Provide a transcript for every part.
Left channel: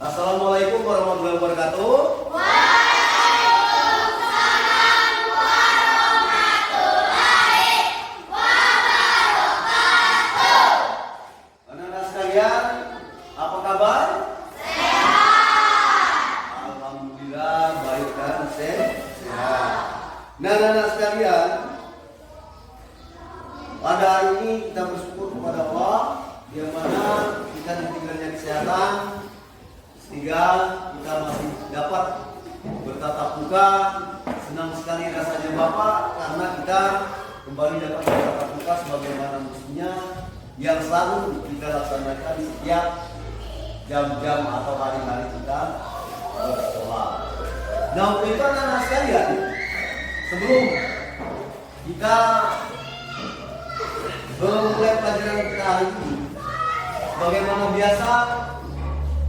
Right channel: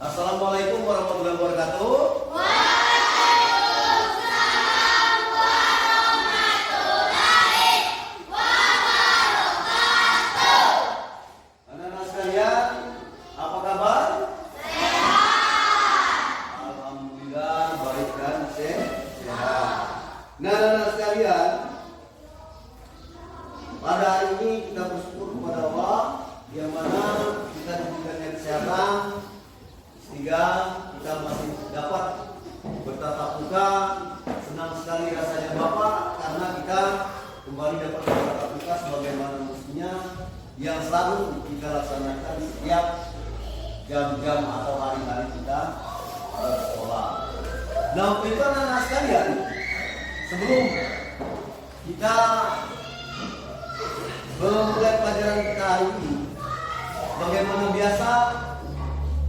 Assalamualaikum warahmatullahi wabarakatuh. Waalaikumsalam warahmatullahi wabarakatuh. Anak-anak sekalian, apa kabar? Sehat. Alhamdulillah baik dan sehat. Nah, anak-anak sekalian, pada hari ini kita bersyukur kepada Allah yang mana kita diberikannya kesehatan sehingga kita masih dapat bertatap muka. Senang sekali rasanya Bapak karena kita kembali dapat bertatap muka sebagaimana mestinya yang selalu kita laksanakan di setiap jam-jam atau hari-hari kita bersekolah. Nah, untuk itu anak-anak sekalian, sebelum kita memulai pelajaran kita hari ini, bagaimana biasa,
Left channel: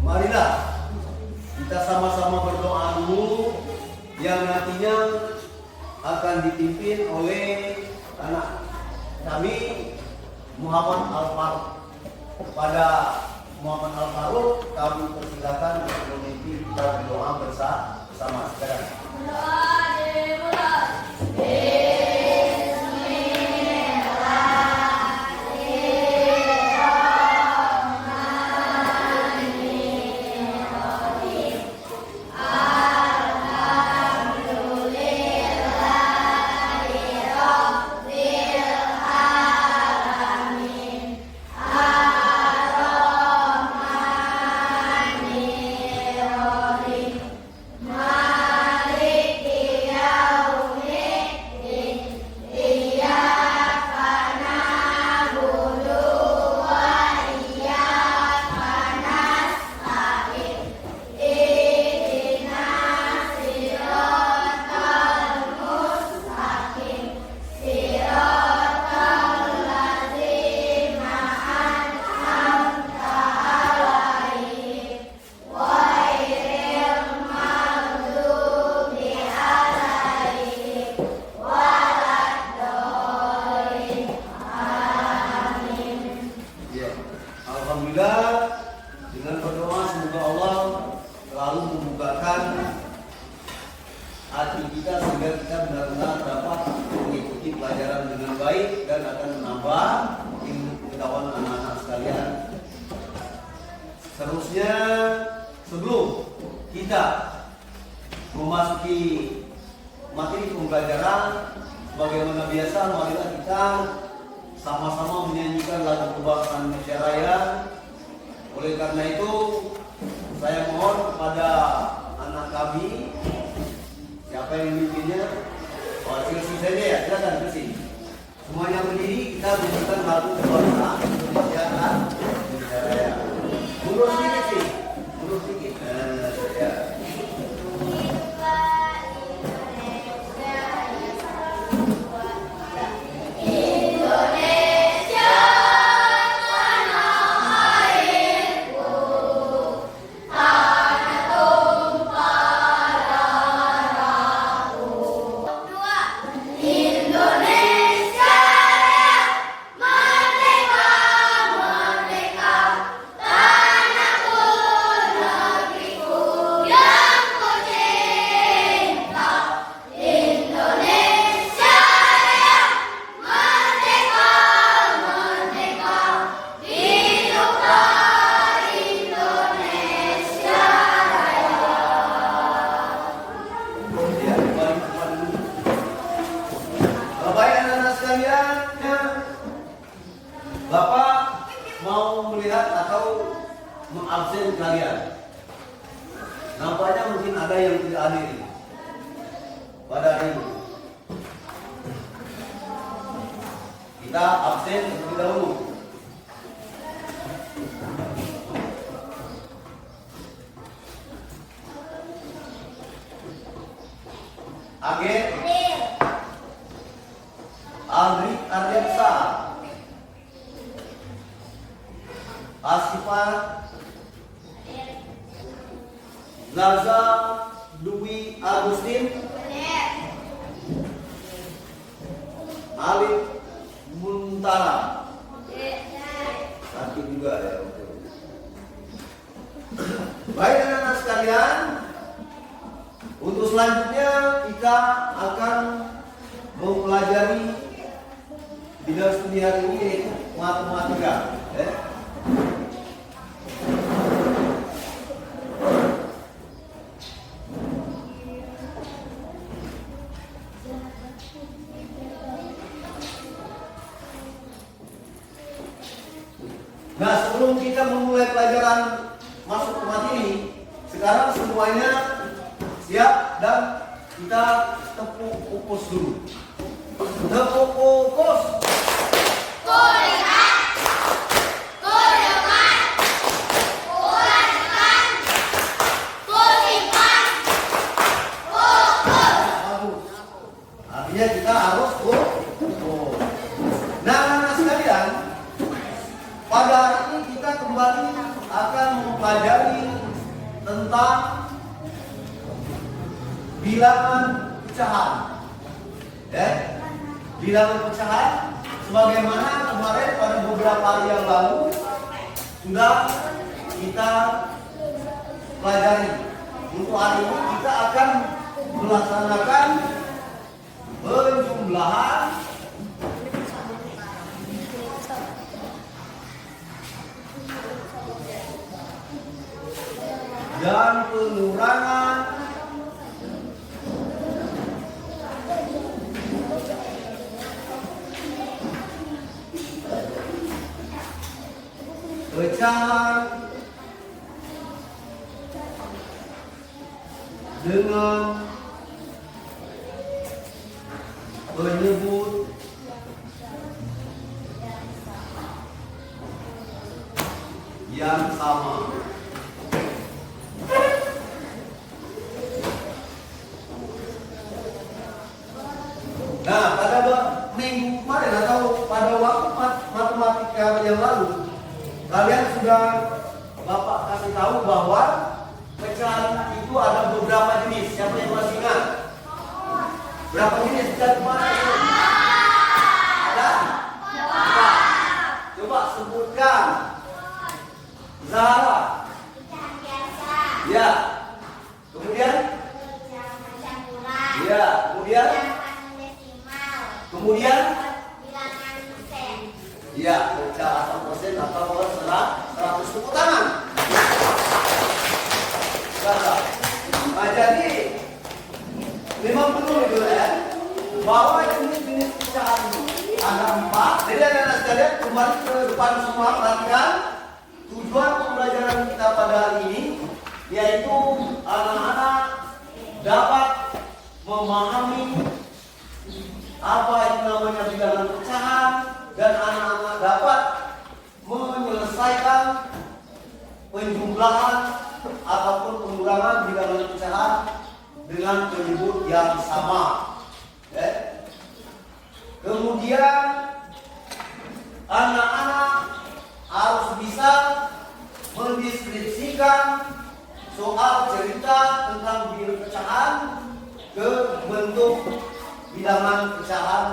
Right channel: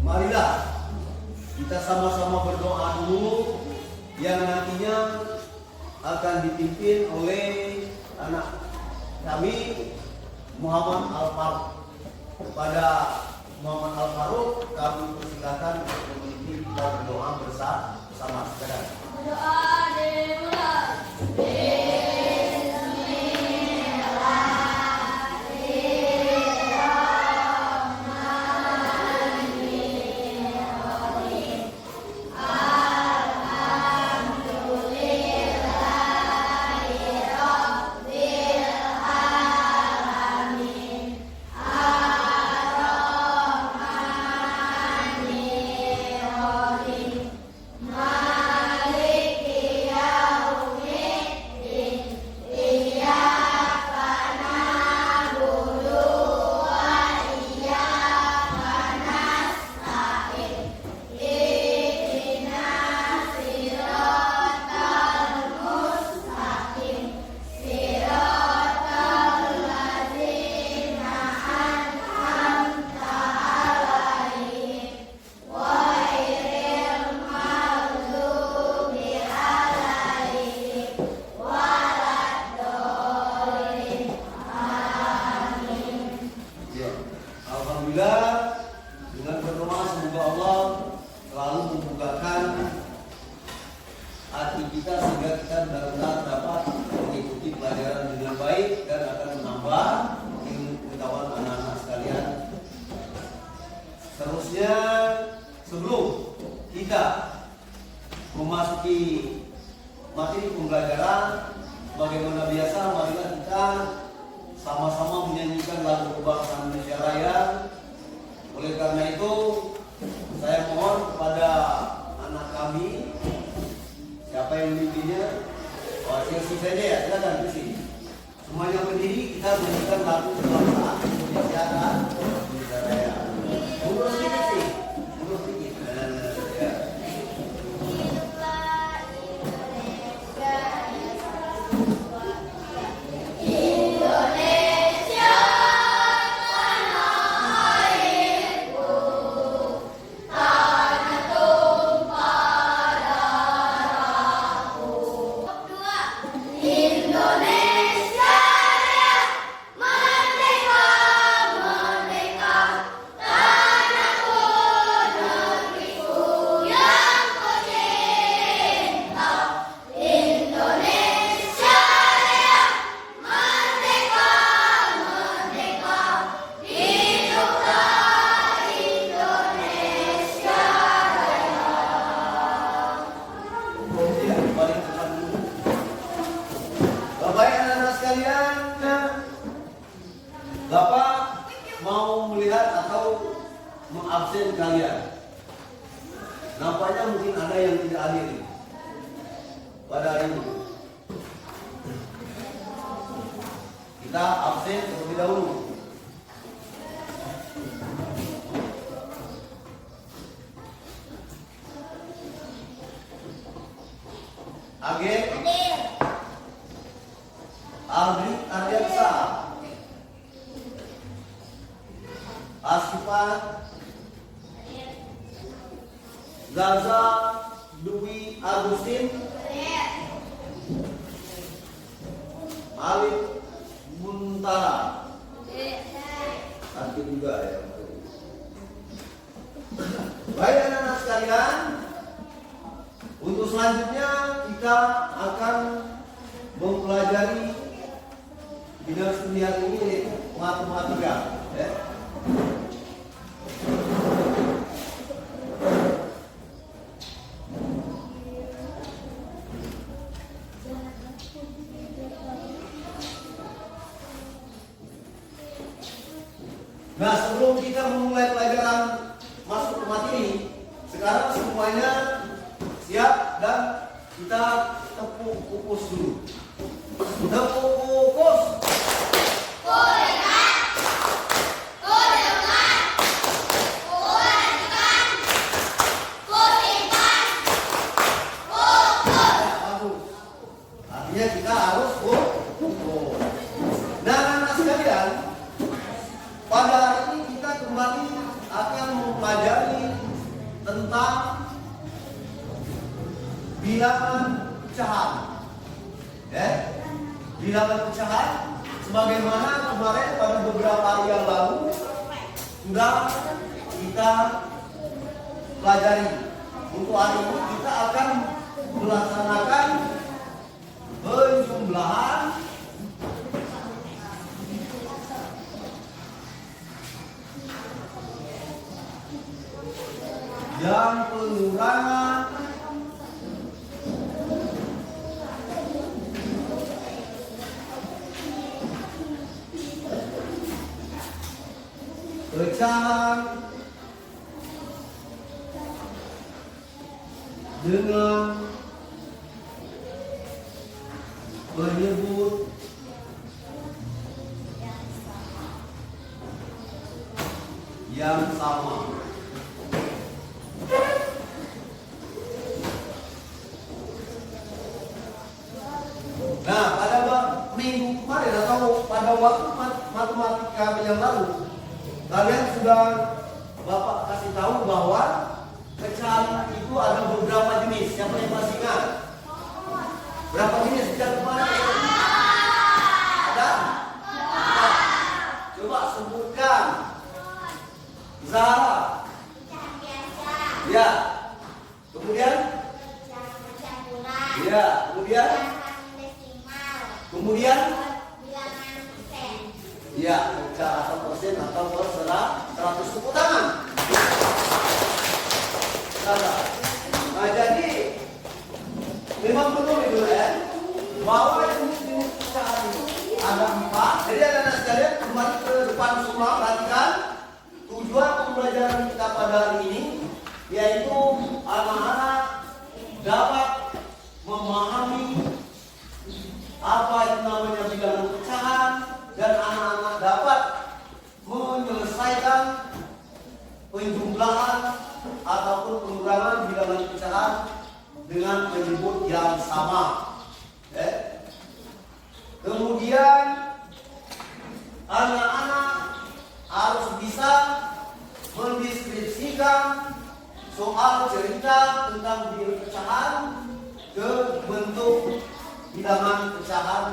marilah kita sama-sama berdoa dulu yang nantinya akan dipimpin oleh anak kami Muhammad Al-Faruq. Kepada Muhammad Al-Faruq kami persilakan untuk memimpin kita berdoa bersama. Sekarang Doa dimulai. Alhamdulillah, dengan berdoa semoga Allah selalu membukakan hati kita sehingga kita benar-benar dapat mengikuti pelajaran dengan baik dan akan menambah ilmu pengetahuan anak-anak sekalian. Seterusnya, sebelum kita memasuki materi pembelajaran, sebagaimana biasa, marilah kita sama-sama menyanyikan lagu kebangsaan Indonesia Raya. Oleh karena itu, saya mohon kepada anak kami, siapa yang memimpinnya? Oh, Silsi saja ya, silakan Silsi. Semuanya berdiri, kita menyanyikan lagu kebangsaan Indonesia Raya. Mundur sedikit sih, mundur sedikit. Ya. Baik anak-anak sekalian, Bapak mau melihat atau mengabsen kalian. Nampaknya mungkin ada yang tidak hadir pada hari ini. Kita absen terlebih dahulu. Age Aldri Ardiansa, Asifa Zaza Dwi Agustin, Alif Muntara. Satu juga ya. Baik. selanjutnya kita akan mempelajari bidang studi hari ini yaitu matematika. Ya. Nah, sebelum kita memulai pelajaran masuk ke materi, sekarang semuanya siap dan kita tepuk pupus dulu. Tepuk pupus. Gorengan, gorengan, gorengan, gorengan, pupus. Bagus. Artinya kita harus pupus. Nah, anak-anak sekalian, pada hari ini kita kembali akan mempelajari tentang bilangan pecahan. Ya, bilangan pecahan sebagaimana kemarin pada beberapa hari yang lalu sudah kita pelajari. Untuk hari ini kita akan melaksanakan penjumlahan dan pengurangan pecahan dengan penyebut yang sama. Nah, pada minggu kemarin atau pada waktu matematika yang lalu, kalian sudah Bapak kasih tahu bahwa pecahan itu ada beberapa jenis. Siapa yang masih ingat? Berapa jenis pecahan kemarin? Ada? Empat. Coba sebutkan. Zahra. Ya. Kemudian? Ya. Kemudian? Kemudian? Ya, pecahan atau persen atau perselah 100. Tepuk tangan. Nah, jadi memang betul itu ya, bahwa jenis-jenis pecahan ini ada 4. Jadi anak-anak sekalian kembali ke depan semua, perhatikan tujuan pembelajaran kita pada hari ini, yaitu anak-anak dapat memahami apa yang namanya bilangan pecahan dan anak-anak dapat menyelesaikan penjumlahan ataupun pengurangan bilangan pecahan dengan penyebut yang sama. Kemudian anak-anak harus bisa mendeskripsikan soal cerita tentang bilangan pecahan ke bentuk bilangan pecahan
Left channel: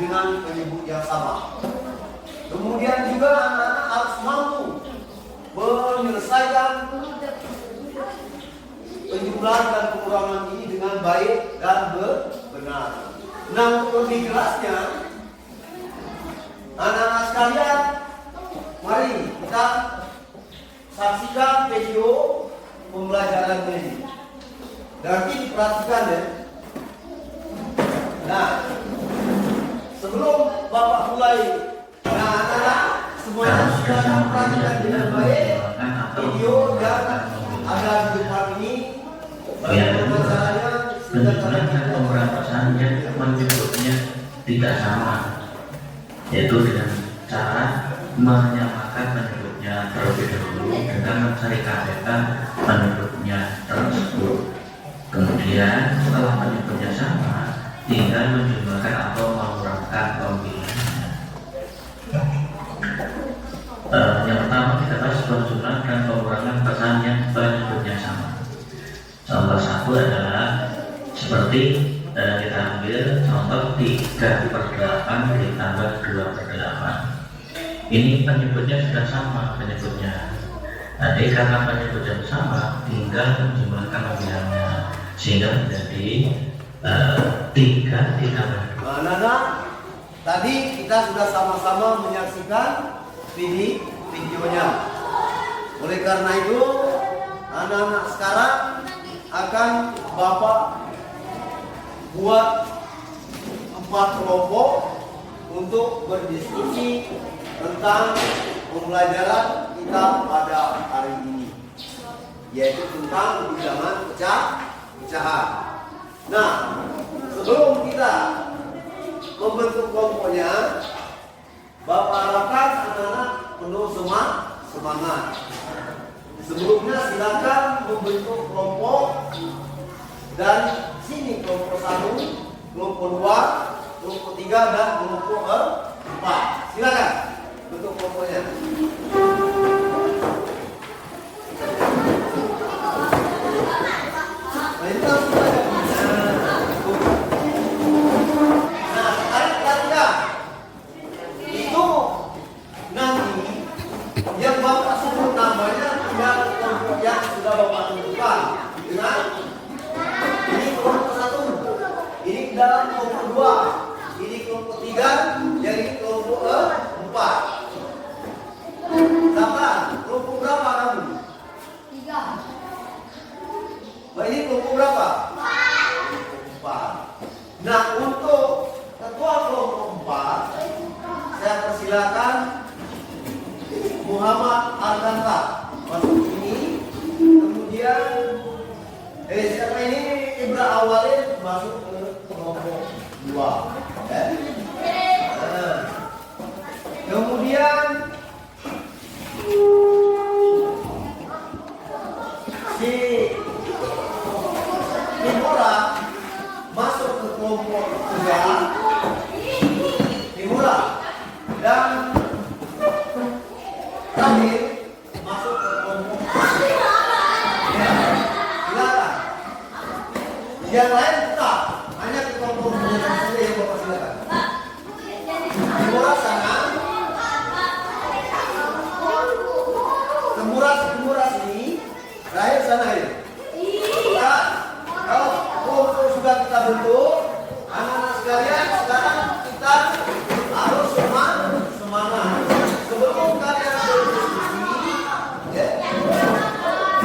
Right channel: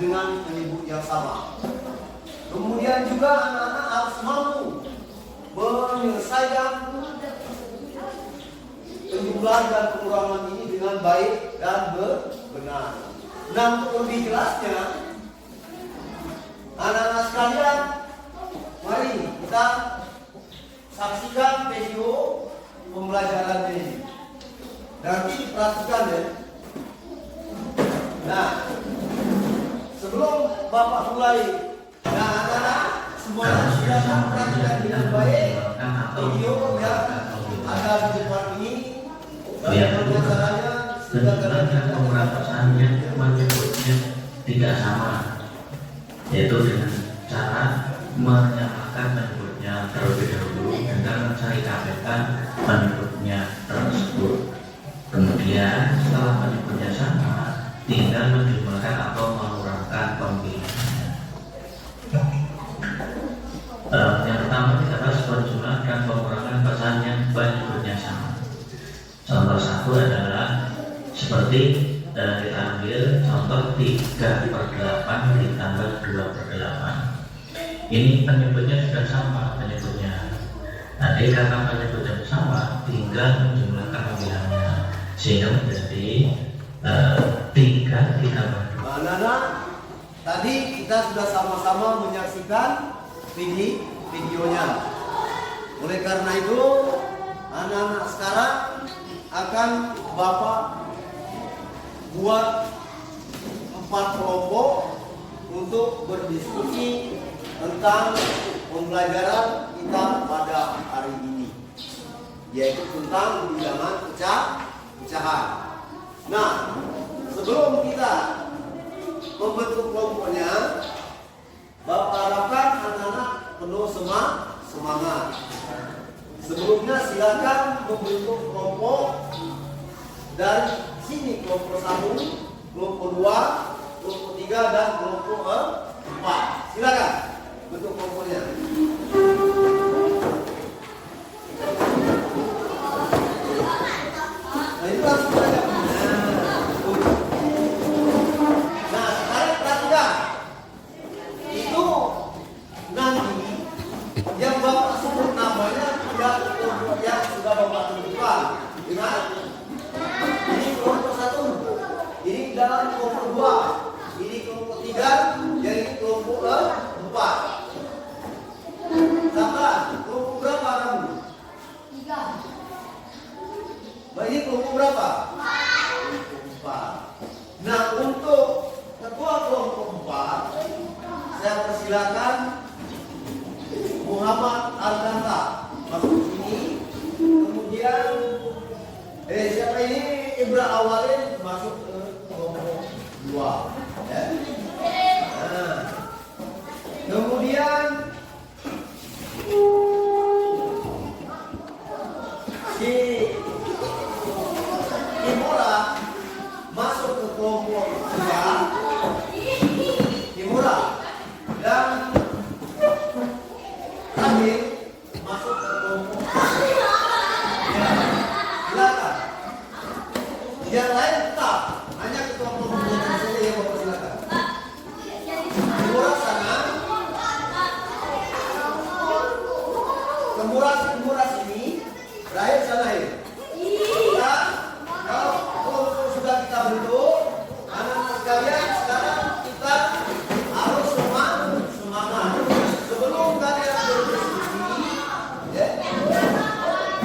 dengan penyebut yang sama. Kemudian juga anak-anak harus mampu menyelesaikan penjumlahan dan pengurangan ini dengan baik dan benar. Nah, untuk lebih jelasnya, anak-anak sekalian, mari kita saksikan video pembelajaran ini. Nanti diperhatikan ya. Nah, sebelum Bapak mulai, nah anak-anak semuanya sudah memperhatikan dengan baik video yang ada di depan ini. Bagaimana caranya? Penjumlahan dan pengurangan pecahannya menyebutnya tidak sama, yaitu dengan cara menyamakan penyebutnya terlebih dahulu dengan mencari kaitan penyebutnya tersebut. Kemudian setelah penyebutnya sama, tinggal menjumlahkan atau mengurangkan pembilangannya. Yang pertama kita bahas penjumlahan dan pengurangan pecahan yang penyebutnya sama. Contoh satu adalah seperti kita ambil contoh 3/8 ditambah 2/8. Ini penyebutnya sudah sama penyebutnya. Nanti karena penyebutnya sama, tinggal menjumlahkan pembilangannya. sehingga menjadi 3 ditambah 2. Nah, Nana, tadi kita sudah sama-sama menyaksikan videonya. Oleh karena itu, anak-anak sekarang akan Bapak buat 4 kelompok untuk berdiskusi tentang pembelajaran kita pada hari ini, yaitu tentang bilangan pecahan. Nah, sebelum kita membentuk kelompoknya, Bapak harapkan anak-anak penuh semangat. Sebelumnya silakan membentuk kelompok dari sini, kelompok 1, kelompok 2, kelompok 3 dan kelompok 4. Silakan bentuk kelompoknya. Nah, ini langsung saja. Nah, sekarang perhatikan. Itu nanti yang Bapak sebut namanya tidak kelompok yang sudah Bapak tentukan. Ingat? Ini kelompok 1, ini dalam kelompok 2, ini kelompok 3, yang ini kelompok 4. Daftar kelompok berapa kamu? 3. Nah, ini kelompok berapa? 4. Nah, untuk ketua kelompok 4, saya persilakan Muhammad Ardanta masuk ini. Kemudian siapa ini? Ibra Awalin masuk ke kelompok 2. Nah, kemudian si Timura masuk ke kelompok 3. Timura dan terakhir masuk ke kelompok 4. Ya, silakan. Yang lain tetap hanya ke kelompok 4 saja yang Bapak silakan. Timura sana. Temura sini, terakhir sana ini. Kalau kelompok sudah kita bentuk, anak-anak sekalian, sekarang kita harus semangat. Sebelum kalian berdiskusi,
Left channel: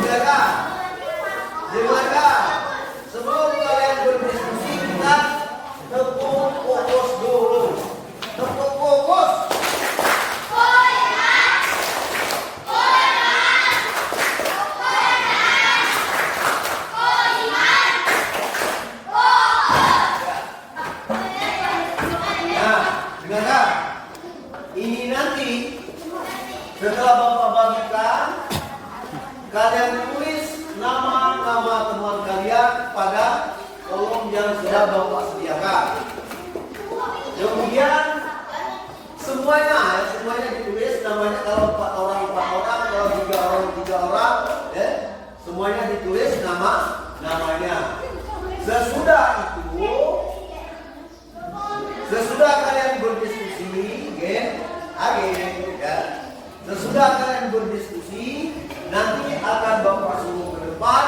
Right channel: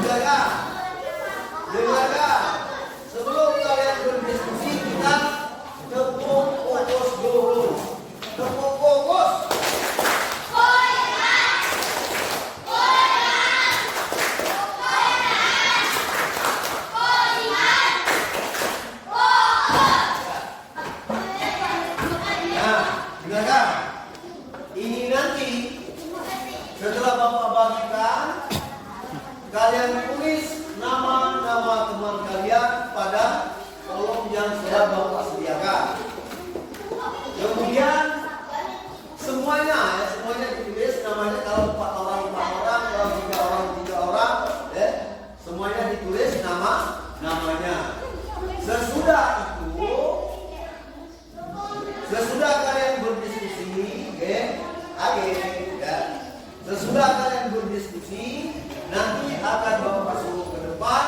dengarkan. Sebelum kalian berdiskusi, kita tepuk fokus dulu. Tepuk fokus. Dengarkan, ini nanti setelah Bapak bagikan, kalian tulis nama-nama teman kalian pada kolom yang sudah Bapak sediakan. Kemudian semuanya ditulis namanya. Kalau 4 orang, kalau 3 orang, semuanya ditulis namanya. Sesudah kalian berdiskusi, sesudah kalian berdiskusi, nanti akan Bapak suruh ke depan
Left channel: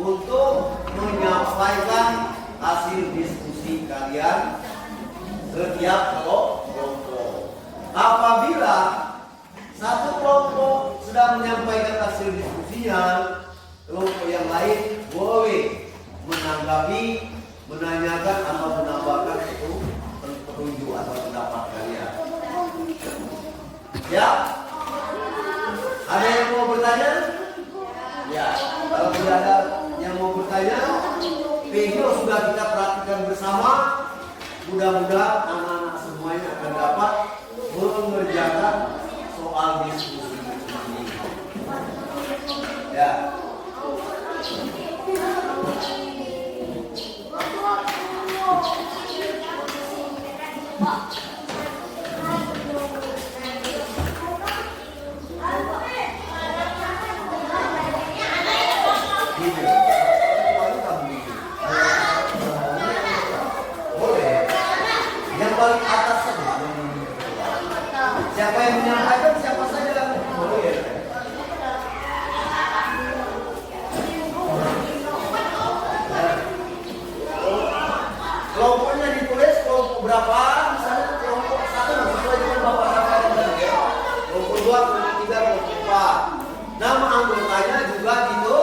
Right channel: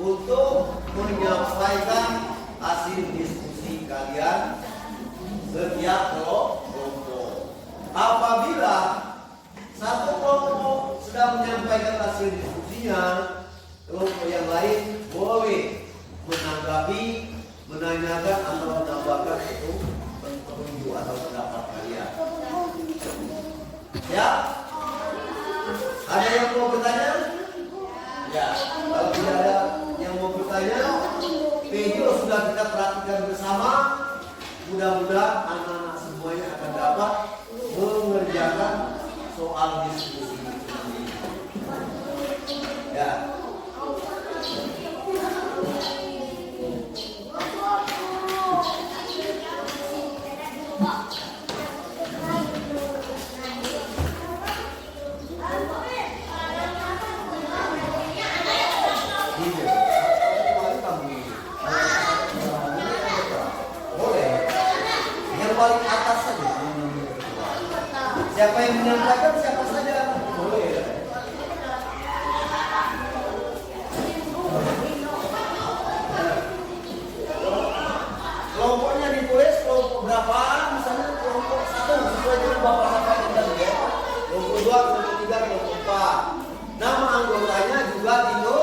untuk menyampaikan hasil diskusi kalian setiap kelompok. Apabila satu kelompok sedang menyampaikan hasil diskusinya, kelompok yang lain boleh menanggapi, menanyakan atau menambahkan itu petunjuk atau pendapat kalian. Ya, ada yang mau bertanya? Ya, kalau tidak ada yang mau bertanya, video sudah kita praktikkan bersama. Mudah-mudahan anak-anak semuanya akan dapat mengerjakan soal diskusi ini. Ya. Boleh. Yang paling atas saja. Siapa yang menyampaikan, siapa saja boleh. anggotanya juga gitu.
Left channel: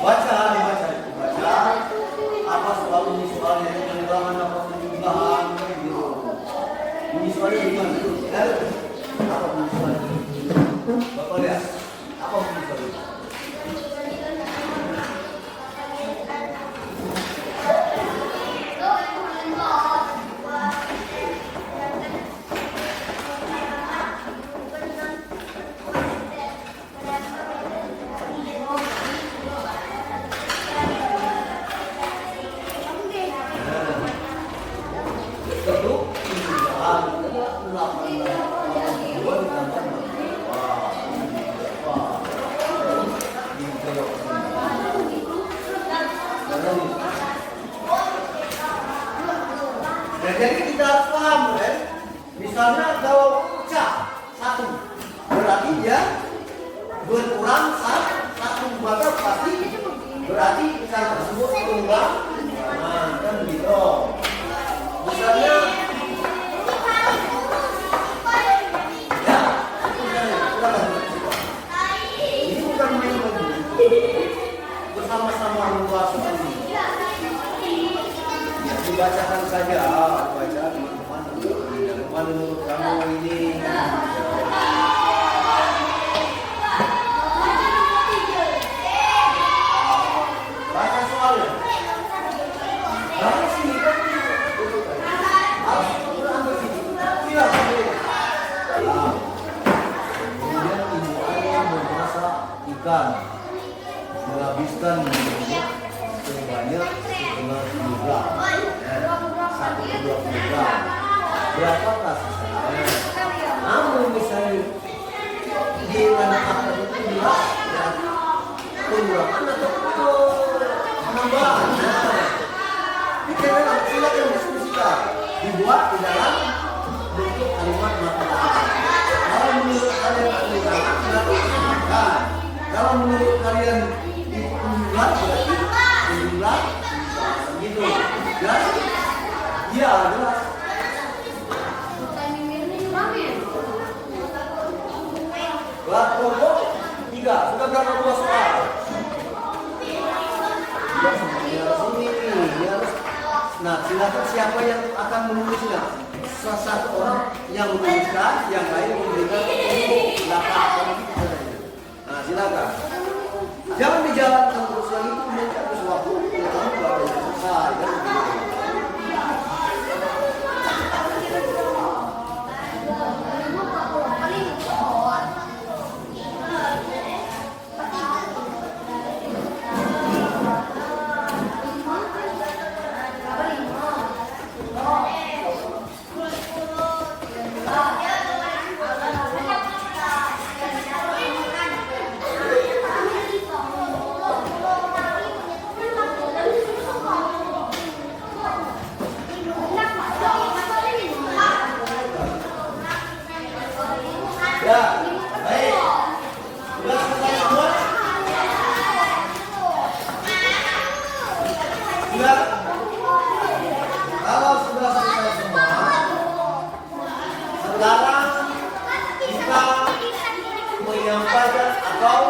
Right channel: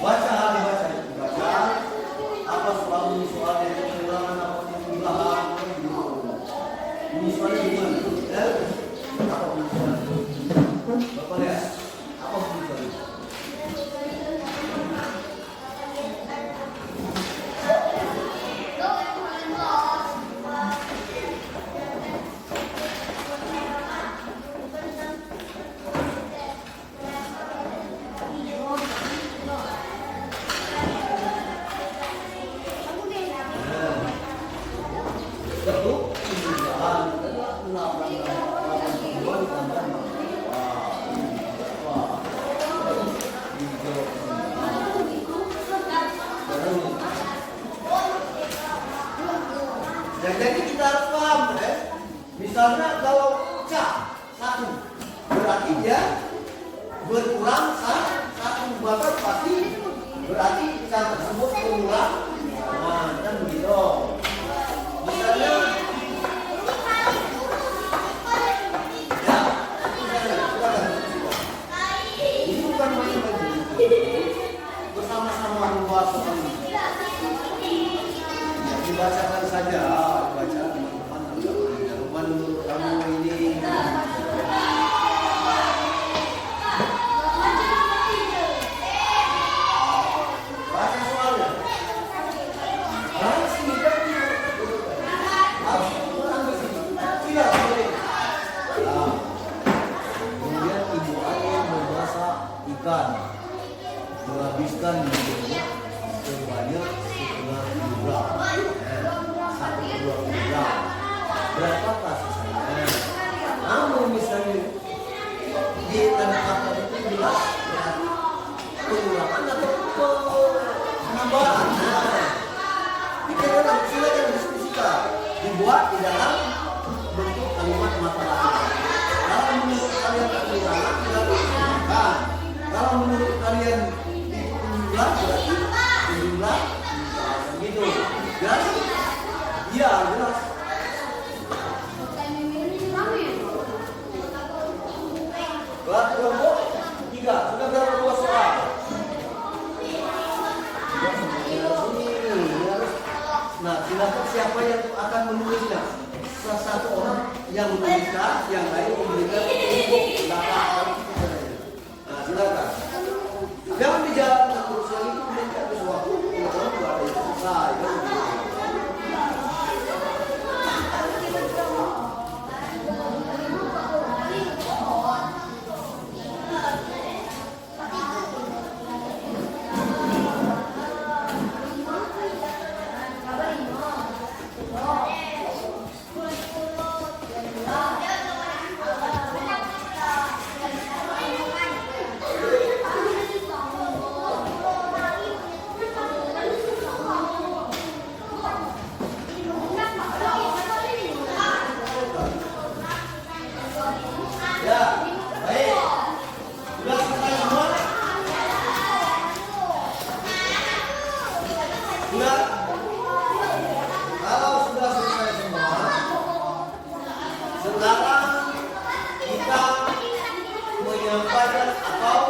Baca, dibaca. Apa soalnya pengulangan apa penambahan gitu. Ini soalnya gimana? Apa soalnya? Bapak lihat. Apa soalnya? Nah, jadi kita harus paham, ya. Misalnya kalau cak satu, berarti dia berkurang satu, maka pasti berarti cak tersebut berulang. Nah, kan begitu. Misalnya, ya, ini bukan main-main. Bersama-sama menguasai. Dibacakan saja, baca teman-teman. Menurut kamu ini baca soalnya. Harus sini kan? Harus ambil sini. Silakan. Kemudian ibu ayah memasak ikan, menghabiskan minyak sebanyak setengah kilogram. 1-2 kilogram. Berapakah sisanya? Namun misalnya ditambahkan itu jelas berarti pengurangan atau penambahan. Nah, silakan diskusikan. Dibuat di dalam bentuk kalimat matematika. Kalau menurut kalian pengurangan berarti penambahan. Kalau menurut kalian penjualan berarti penjualan gitu. Jelas? Iya, jelas. Kelompok 3, sudah berapa buah soal? Ya, semuanya harus ini harus. Nah, silakan siapa yang akan menulisnya? Satu orang yang menuliskan, yang lain memberikan laporan. Nah, silakan. Jangan dijalankan terus yang itu menjadi sesuatu yang tidak ada yang selesai kan begitu. Ya, baik. Sudah selesai semua? Sudah? Kalau sudah selesai semua, sekarang kita menyampaikan atau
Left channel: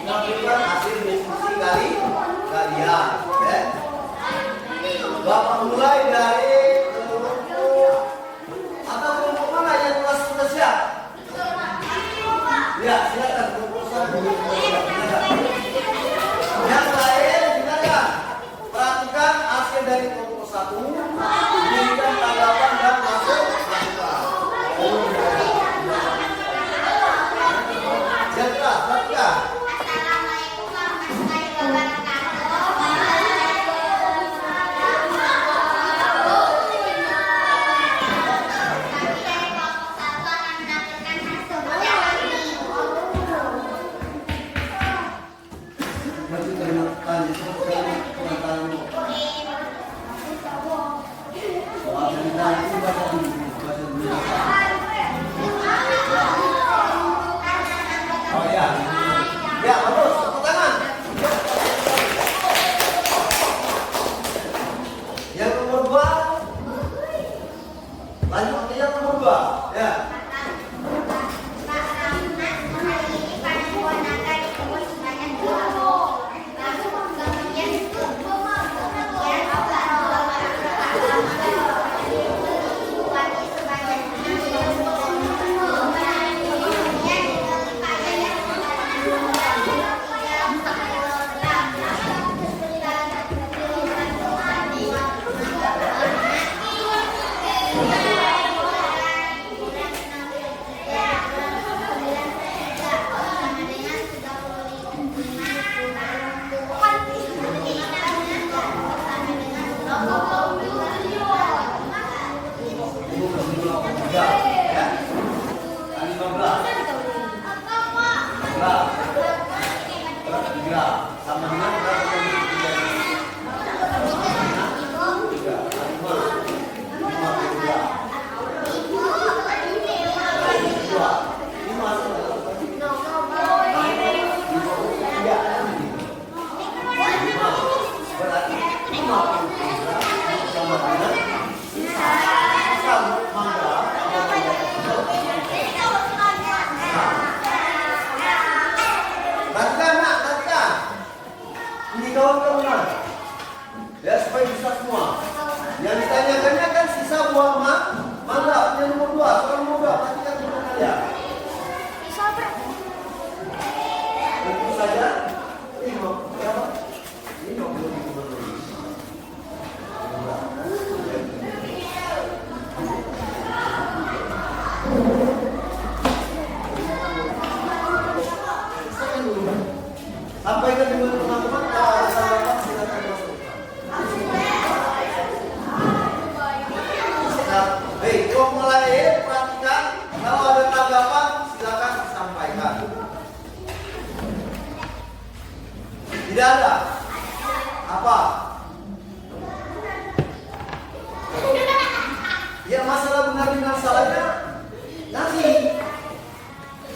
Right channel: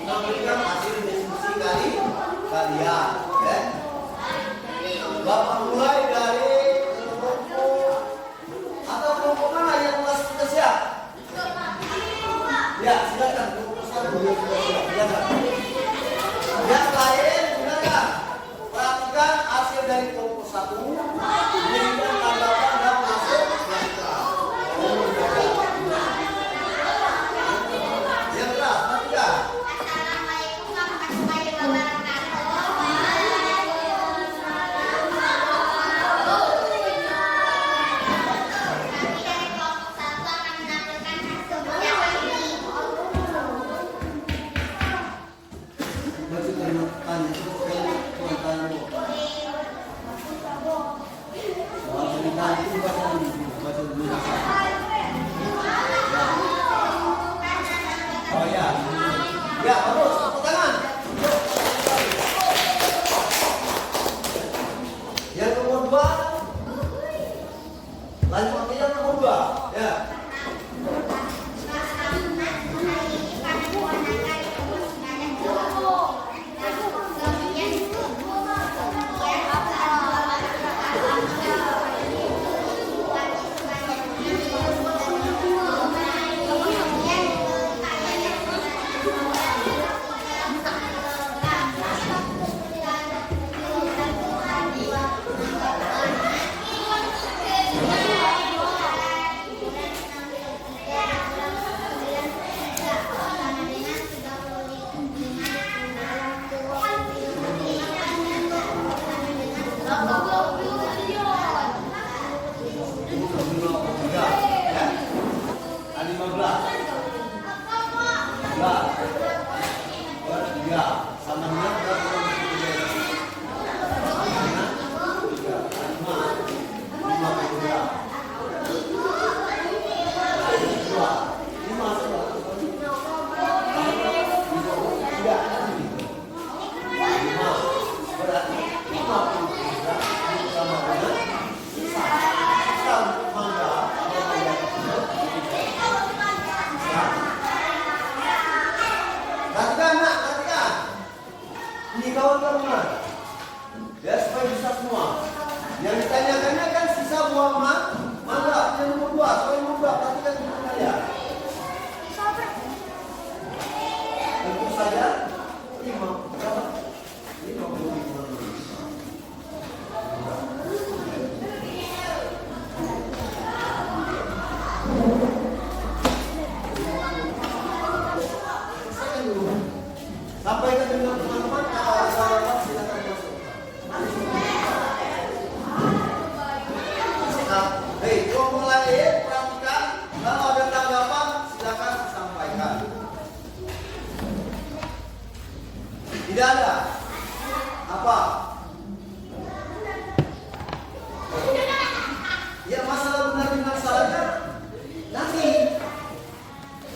menyampaikan hasil diskusi kalian. Ya. Bapak mulai dari kelompok atau kelompok mana yang sudah siap? Ya, silakan silakan. Yang lain silakan. Perhatikan hasil dari kelompok 1, berikan tanggapan dan masuk masukan. Yang keras, perhatikan. Oh ya, ya bagus, tepuk tangan. 3 sama dengan berapa kali 3. Perhatikan. Ini kawan-kawan. Ya, supaya bisa semua. Yang ditanyakannya kan sisa buah mangga. Yang nomor 2, soal nomor 2. Perhatikan gimana ya. Tentu saja. Ini mau berapa? Ini mau beli gimana? Sampaikan dengan teman-teman, kalau ada salah silakan masuk. Nah, baik, kalau mulai perhatikan, kalau ada tanggapan silakan sampaikan. Tidak ada. Apa? Ya masalah benar dengan salahnya nanti.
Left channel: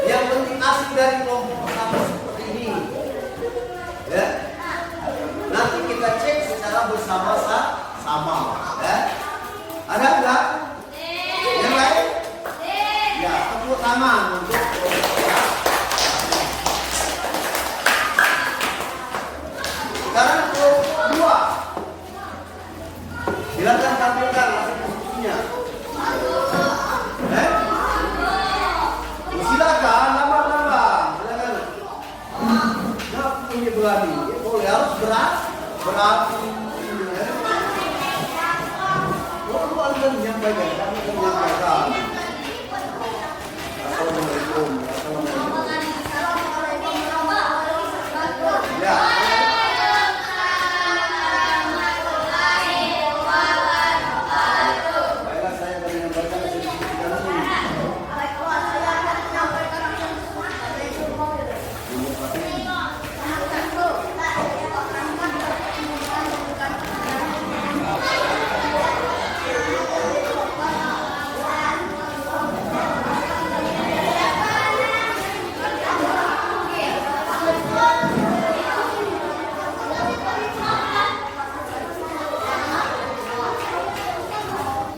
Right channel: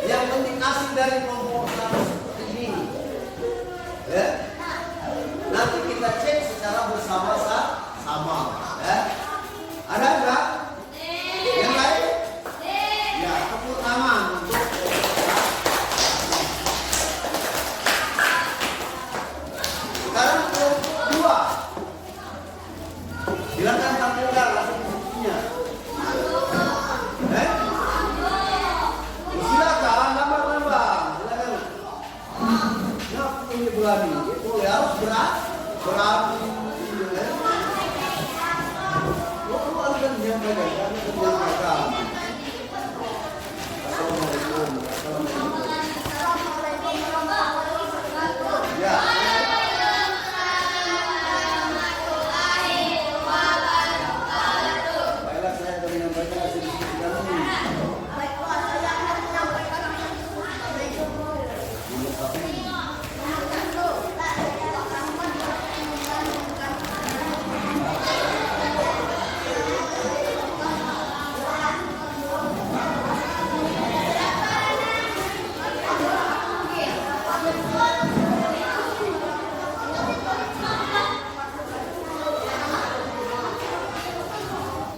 Yang penting asli dari kelompok pertama seperti ini. Ya. Nanti kita cek secara bersama-sama, ya. Ada enggak? Yang lain? Ya, tepuk tangan untuk sekarang kelompok 2. Silakan tampilkan langsung buktinya. Silakan nambah-nambah. Silakan. Nah, ini berani. Boleh harus berani. Lalu akan menyampaikan, kami akan menyampaikan. Assalamualaikum. Ya. Baiklah, saya akan menyampaikan hasil diskusi kami.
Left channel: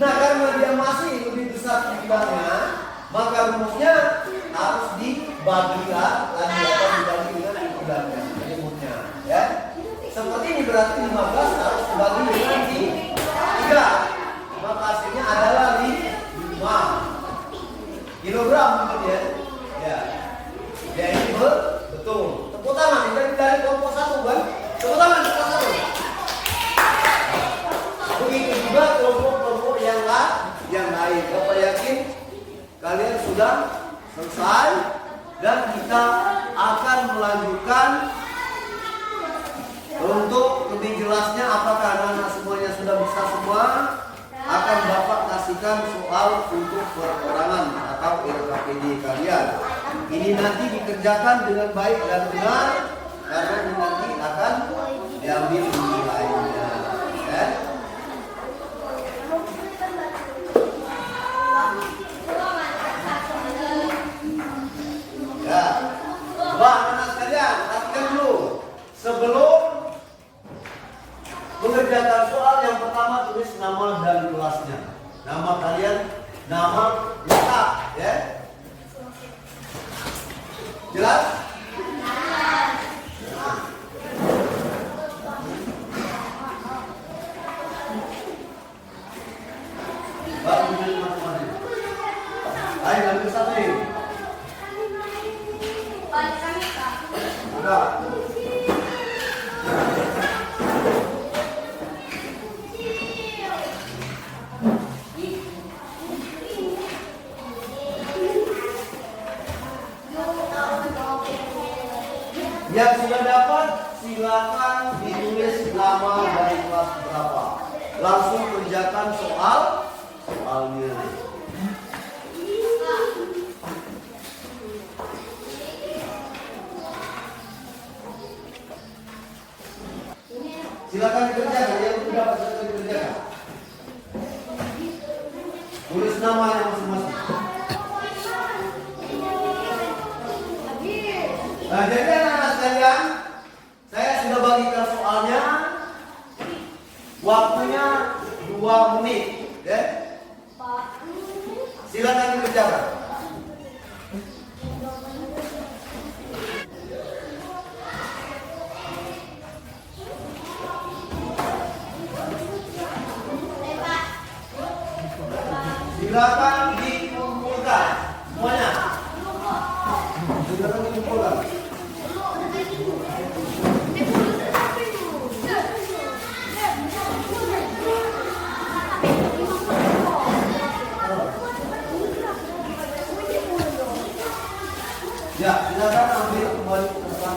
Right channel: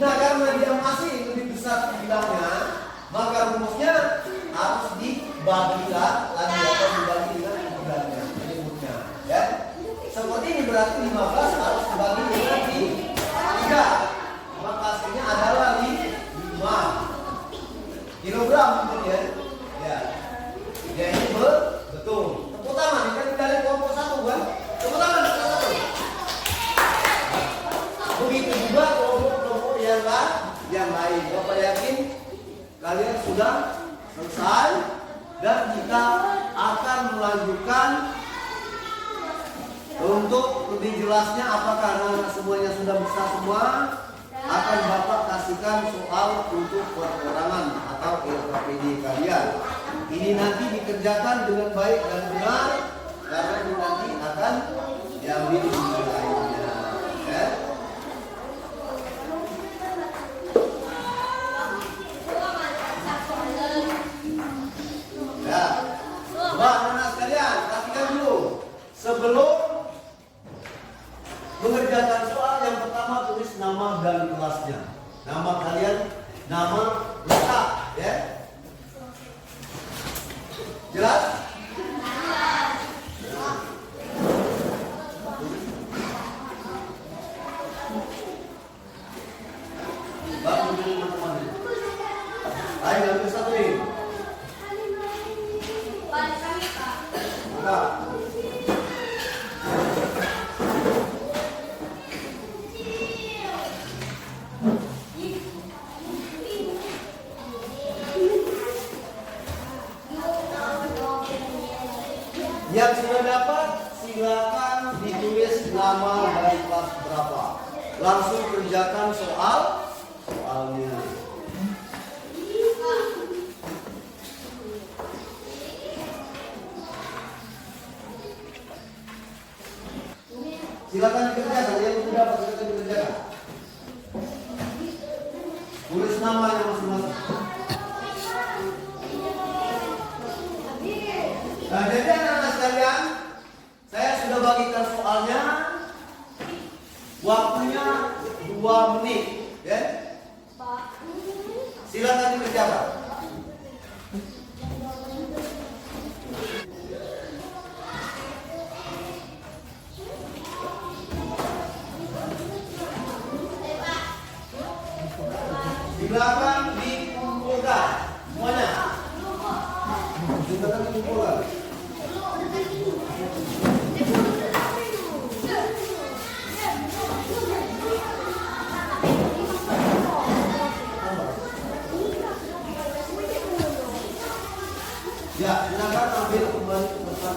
Nah, karena dia masih lebih besar jumlahnya, maka rumusnya harus dibagikan lagi atau dibagi dengan jumlahnya, rumusnya, ya. Seperti ini berarti 15 harus dibagi dengan 3, maka hasilnya adalah 5 kilogram, mungkin ya. Ya, ya ini betul. Tepuk tangan, ini dari kelompok 1 kan? Tepuk tangan, tepuk tangan. Begitu juga kelompok-kelompok yang lain. Bapak yakin kalian sudah selesai dan kita akan melanjutkan. Untuk lebih jelasnya apakah anak-anak semuanya sudah bisa semua, akan Bapak kasihkan soal untuk perorangan atau LKPD kalian. Ini nanti dikerjakan dengan baik dan benar karena ini nanti akan diambil nilainya, ya. Ya, coba anak sekalian perhatikan dulu. Sebelum mengerjakan soal yang pertama, tulis nama dan kelasnya. Nama kalian, nama lengkap, ya. Jelas? Baru teman-teman. Ayo ambil satu ini. Buka. Yang sudah dapat silakan ditulis nama dari kelas berapa. Langsung kerjakan soalnya. Silakan dikerjakan, yang tidak silakan dikerjakan. Tulis namanya masing-masing. Nah, jadi anak-anak sekalian, saya sudah bagikan soalnya. Waktunya 2 menit, ya. Silakan dikerjakan. Silakan dikumpulkan semuanya. Silakan dikumpulkan. Ya, silakan ambil kembali ke depan.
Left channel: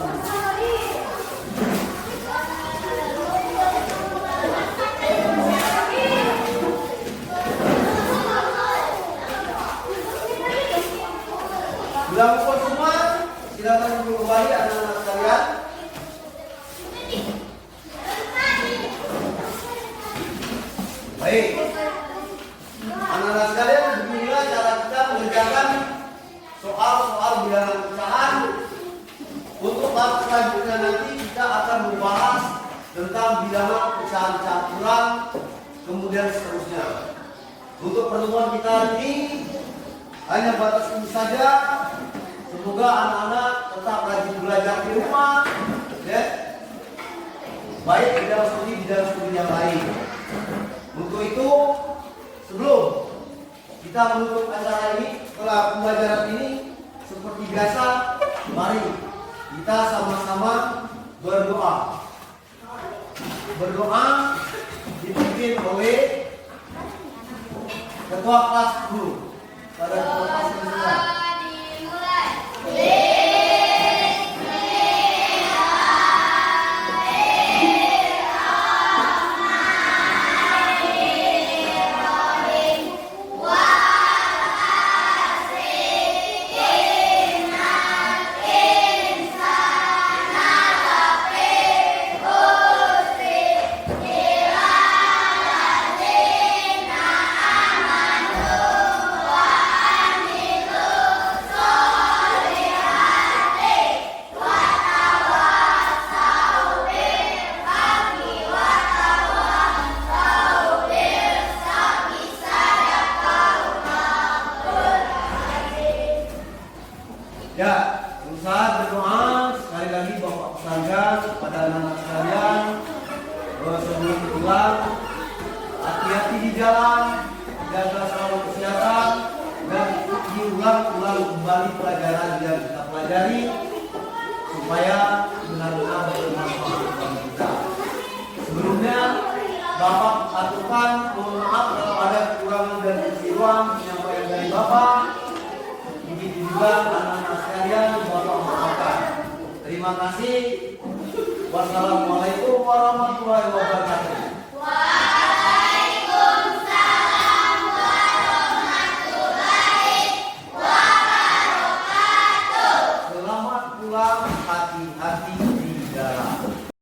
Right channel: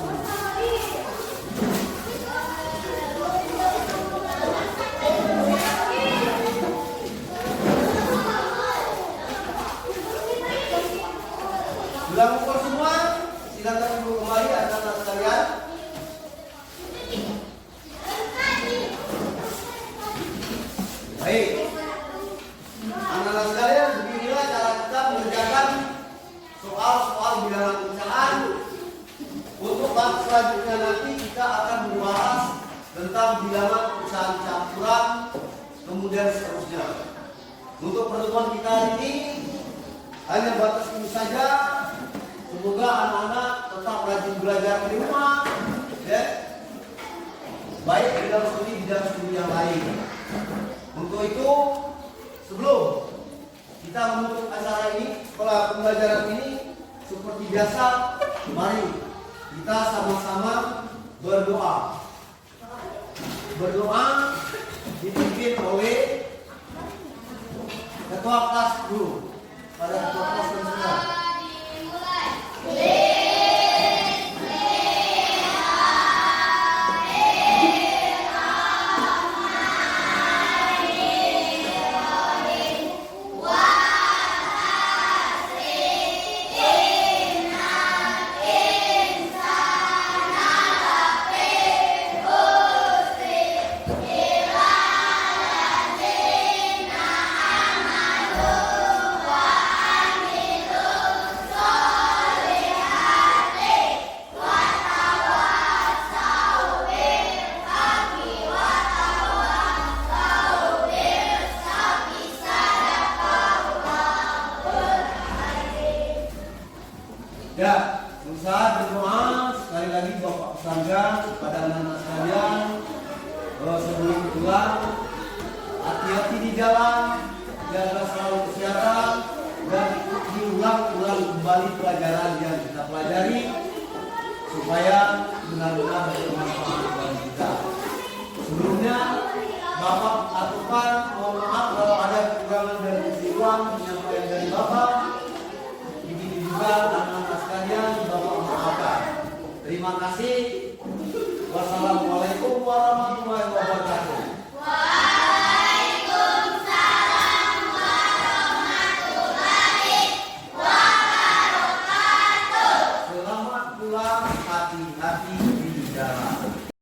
Sudah kumpul semua, silakan duduk kembali anak-anak sekalian. Baik, anak-anak sekalian, beginilah cara kita mengerjakan soal-soal bilangan pecahan. Untuk tahap selanjutnya nanti kita akan membahas tentang bilangan pecahan campuran, kemudian seterusnya. Untuk pertemuan kita hari ini hanya batas ini saja. Semoga anak-anak tetap rajin belajar di rumah, ya. Baik di dalam studi yang lain. Untuk itu, sebelum kita menutup acara ini, setelah pembelajaran ini, seperti biasa, mari kita sama-sama berdoa. Berdoa dipimpin oleh ketua kelas guru pada ketua kelas yang sedang. Ya, berusaha berdoa sekali lagi Bapak Pesangga kepada anak-anak sekalian sebelum pulang, hati-hati di jalan, jaga selalu kesehatan dan diulang-ulang kembali pelajaran yang kita pelajari supaya benar-benar bermanfaat bagi kita. Sebelumnya Bapak aturkan mohon maaf kalau ada kekurangan dan kekeliruan penyampaian dari Bapak. Ini juga anak-anak sekalian Bapak maafkan. Terima kasih. Wassalamualaikum.